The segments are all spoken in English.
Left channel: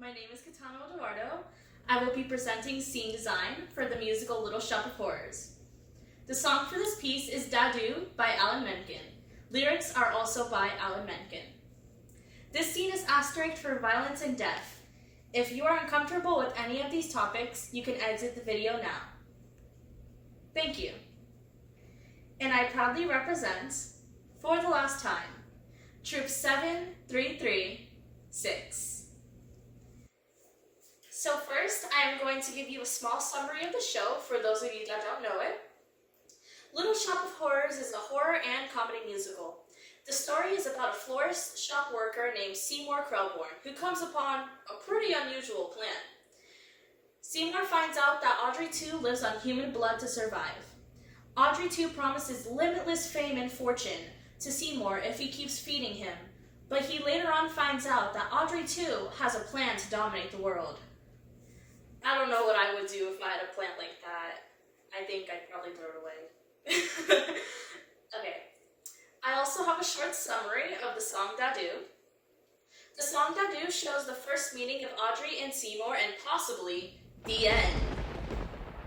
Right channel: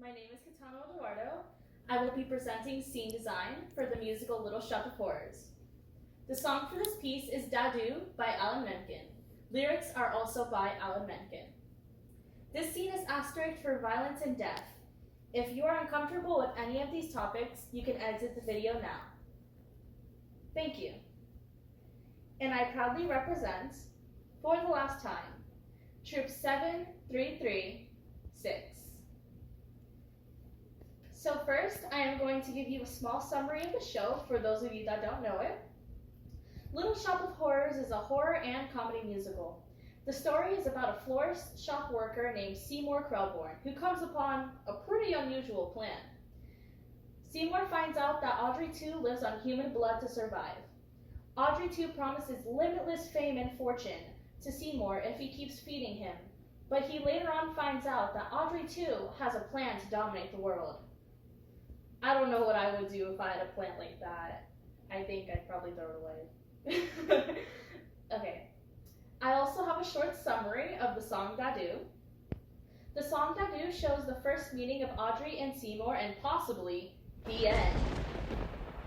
my name is Kitana Oduardo. I will be presenting scene design for the musical Little Shop of Horrors. The song for this piece is Dadu by Alan Menken. Lyrics are also by Alan Menken. This scene is asterisked for violence and death. If you are uncomfortable with any of these topics, you can exit the video now. Thank you. And I proudly represent, for the last time, Troop 7336. So first, I am going to give you a small summary of the show for those of you that don't know it. Little Shop of Horrors is a horror and comedy musical. The story is about a florist shop worker named Seymour Krelborn who comes upon a pretty unusual plan. Seymour finds out that Audrey 2 lives on human blood to survive. Audrey 2 promises limitless fame and fortune to Seymour if he keeps feeding him, but he later on finds out that Audrey 2 has a plan to dominate the world. I don't know what I would do if I had a plant like that. I think I'd probably throw it away. Okay. I also have a short summary of the song Dadu. The song Dadu shows the first meeting of Audrey and Seymour and possibly the end.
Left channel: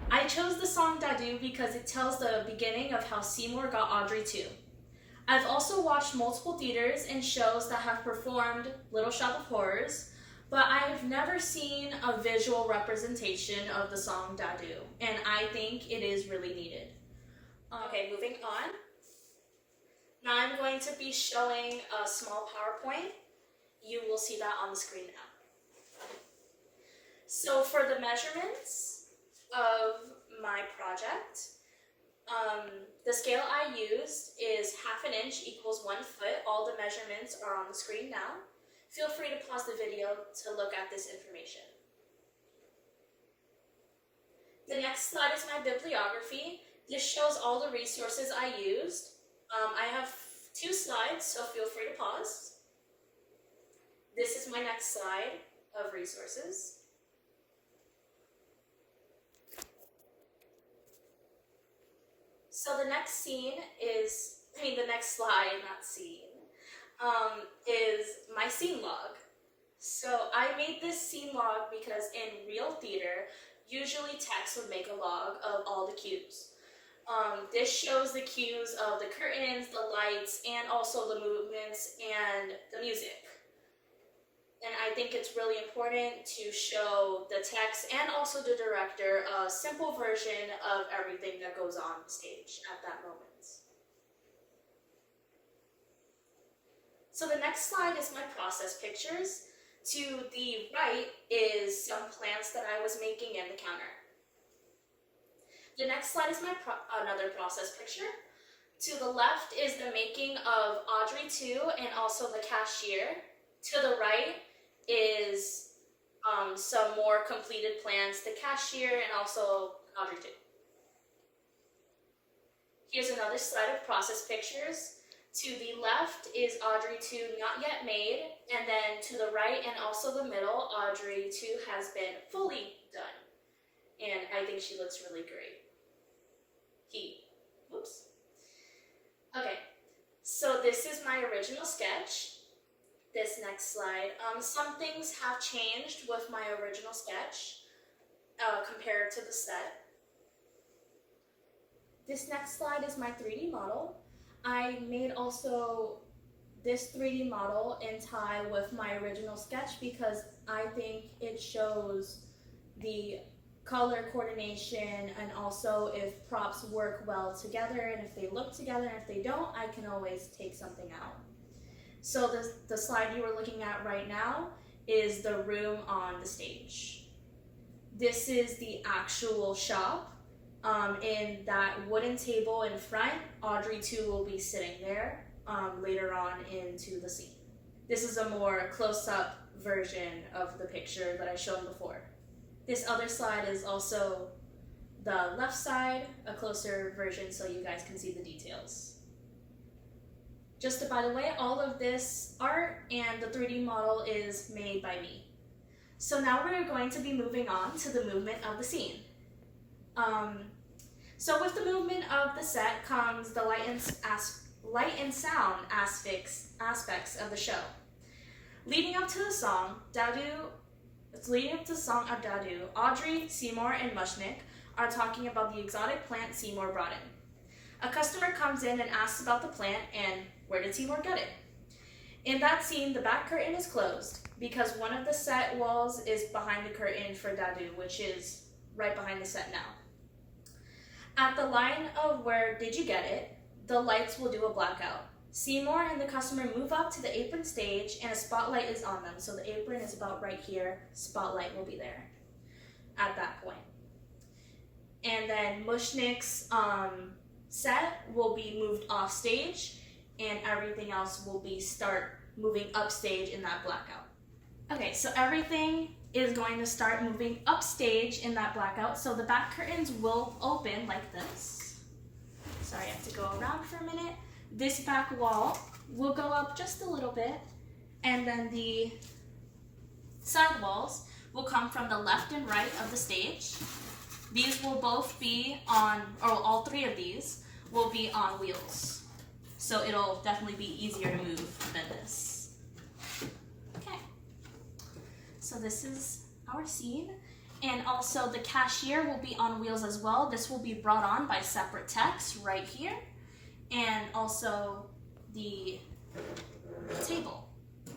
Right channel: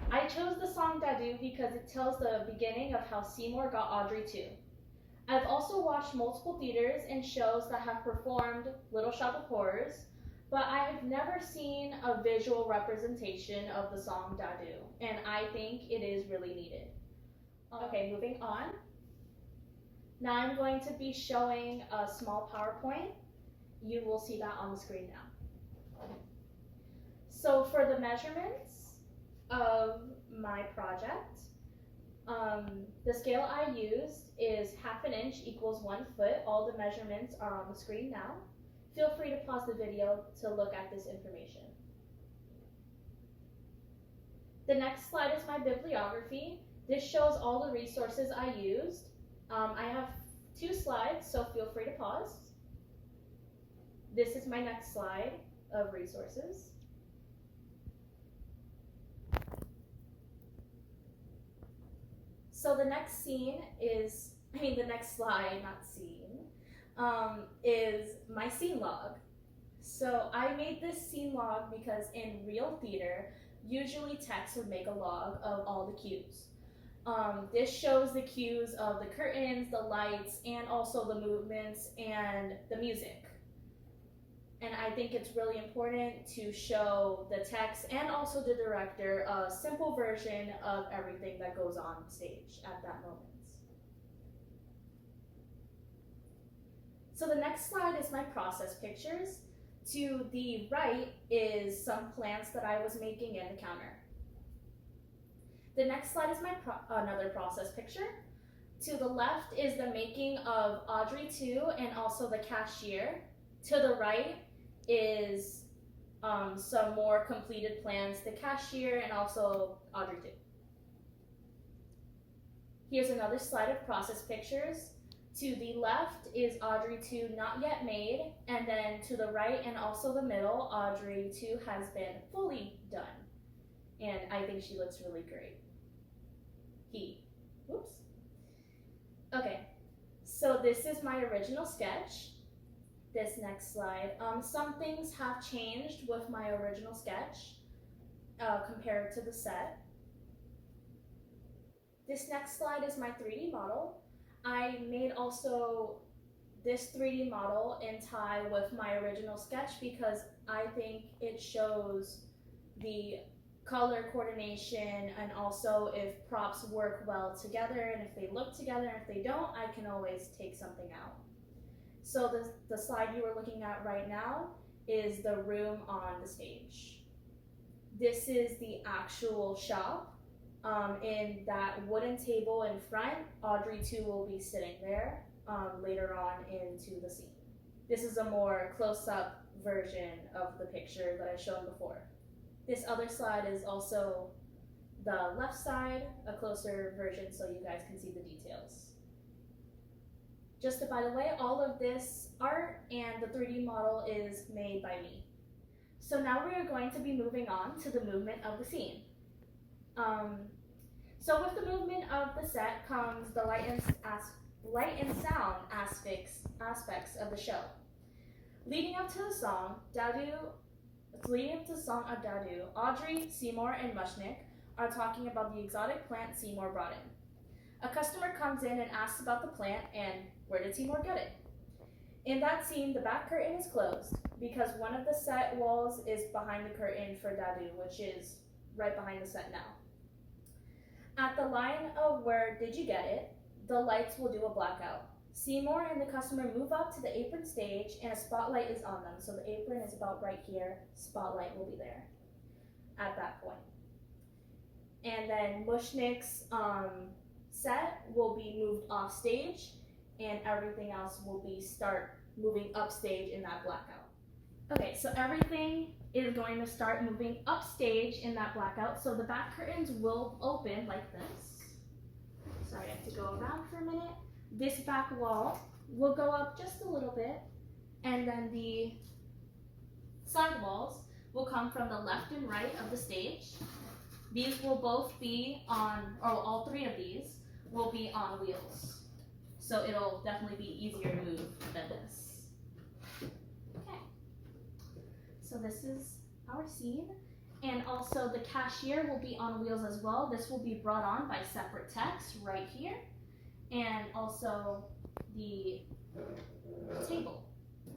I chose the song Dadu because it tells the beginning of how Seymour got Audrey too. I've also watched multiple theaters and shows that have performed Little Shop of Horrors, but I've never seen a visual representation of the song Dadu, and I think it is really needed. Okay, moving on. Now I'm going to be showing a small PowerPoint. You will see that on the screen now. So for the measurements of my project, the scale I used is 1/2 inch equals 1 foot. All the measurements are on the screen now. Feel free to pause the video to look at this information. The next slide is my bibliography. This shows all the resources I used. I have 2 slides, so feel free to pause. This is my next slide of resources. So the next slide, not scene, is my scene log. So I made this scene log because in real theater, usually text would make a log of all the cues. This shows the cues of the curtains, the lights, and also the movements and the music. And I think it's really important to show the text and also the director a simple version of everything that goes on stage at that moment. So the next slide is my process pictures. To the right is some plants that I was making in the counter. The next slide is my another process picture. To the left is the making of Audrey 2 and also the cashier. To the right is some more completed plans, the cashier and also Audrey 2. Here's another slide of process pictures. To the left is Audrey 2 not yet made, and then to the right and also the middle, Audrey 2 has been fully done. And I think she looks really great. Whoops. Okay, so this is my original sketch. This next slide. Some things have changed with my original sketch compared to the set. This next slide is my 3D model. I made also this 3D model in tie with my original sketch because I think it shows the color coordination and also if props work well together and if they look together, and if they don't, I can always take something out. So the slide you are looking at right now is the room on the stage. This is the actual shop. In that wooden table in front, Audrey 2 will be sitting there later on into the scene. This is a more close-up version of the picture that I showed before. This other slide is also the left side, a closer version so you guys can see the details. Just by the way, all of this art and the 3D model is made by me. So now we're going to be moving on to the movement of the scene. So with the movement of the set comes the light and sound aspects of the show. Leading up to the song, Dadu it's leading up to the song Adadu. Audrey, Seymour, and Mushnick are talking about the exotic plant Seymour brought in. A customer comes in and asks about the plant and where did Seymour get it. In that scene, the back curtain is closed because one of the set walls is behind the curtain for Dadu, which is right behind the set now. At the line of where did you get it, the lights will do a blackout. Seymour and the customer move up to the apron stage and a spotlight is on them. So the apron is about right here, spotlight will be there at that point. And then Mushnick's set will be moved off stage and everything else will be start moving upstage in that blackout. Okay, so everything is going to start moving upstage in that blackout. So the back curtains will open like this. Sorry, I have to go around for a minute. This back wall will go up just a little bit, and then the side walls will come from the left and right of the stage. These will both be on, or all three of these will be on wheels. So it'll definitely be easier to move than this. Okay, so this is our scene. And also the cashier will be on wheels as well. This will be brought on by separate text right here. And also the table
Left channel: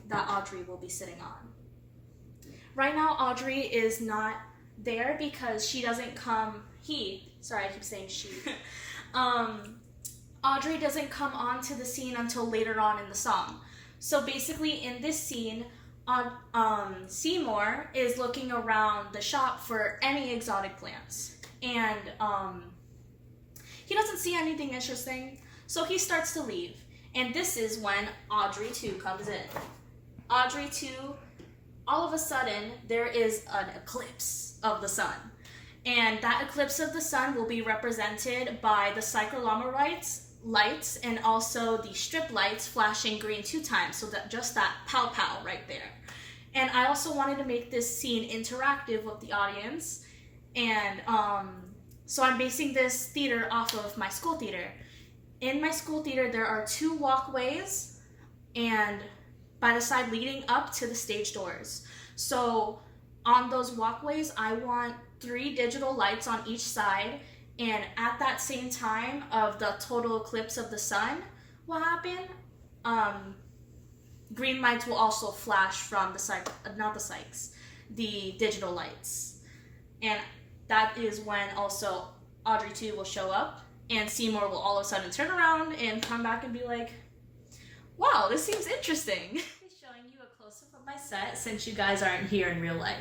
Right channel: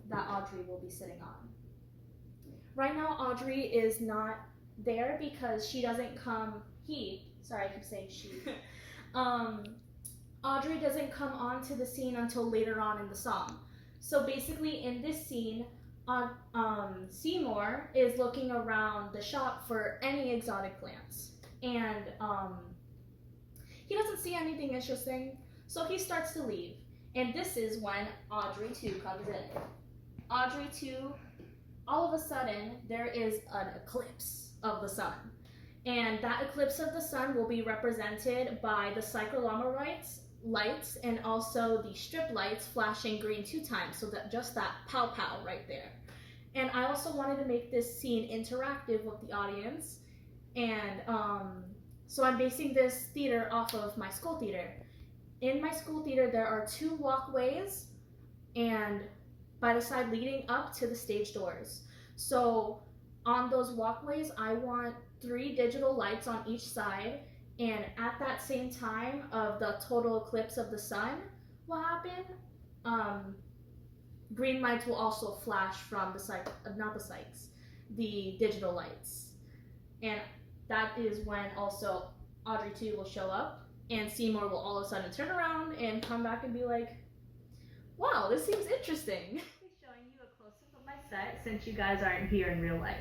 that Audrey will be sitting on. Right now, Audrey is not there because she doesn't come, sorry, I keep saying she. Audrey doesn't come onto the scene until later on in the song. So basically in this scene, Seymour is looking around the shop for any exotic plants. And he doesn't see anything interesting, so he starts to leave. And this is when Audrey 2 comes in. Audrey 2, all of a sudden, there is an eclipse of the sun. And that eclipse of the sun will be represented by the cyclorama lights and also the strip lights flashing green 2 times. So that just that pow pow right there. And I also wanted to make this scene interactive with the audience. And so I'm basing this theater off of my school theater. In my school theater, there are 2 walkways and by the side leading up to the stage doors. So on those walkways, I want 3 digital lights on each side, and at that same time of the total eclipse of the sun will happen, green lights will also flash from the digital lights. And that is when also Audrey 2 will show up, and Seymour will all of a sudden turn around and come back and be like, wow, this seems interesting. I'm showing you a close-up of my set since you guys aren't here in real life.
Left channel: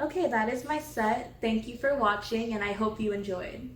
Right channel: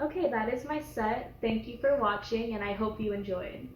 Okay, that is my set. Thank you for watching, and I hope you enjoyed.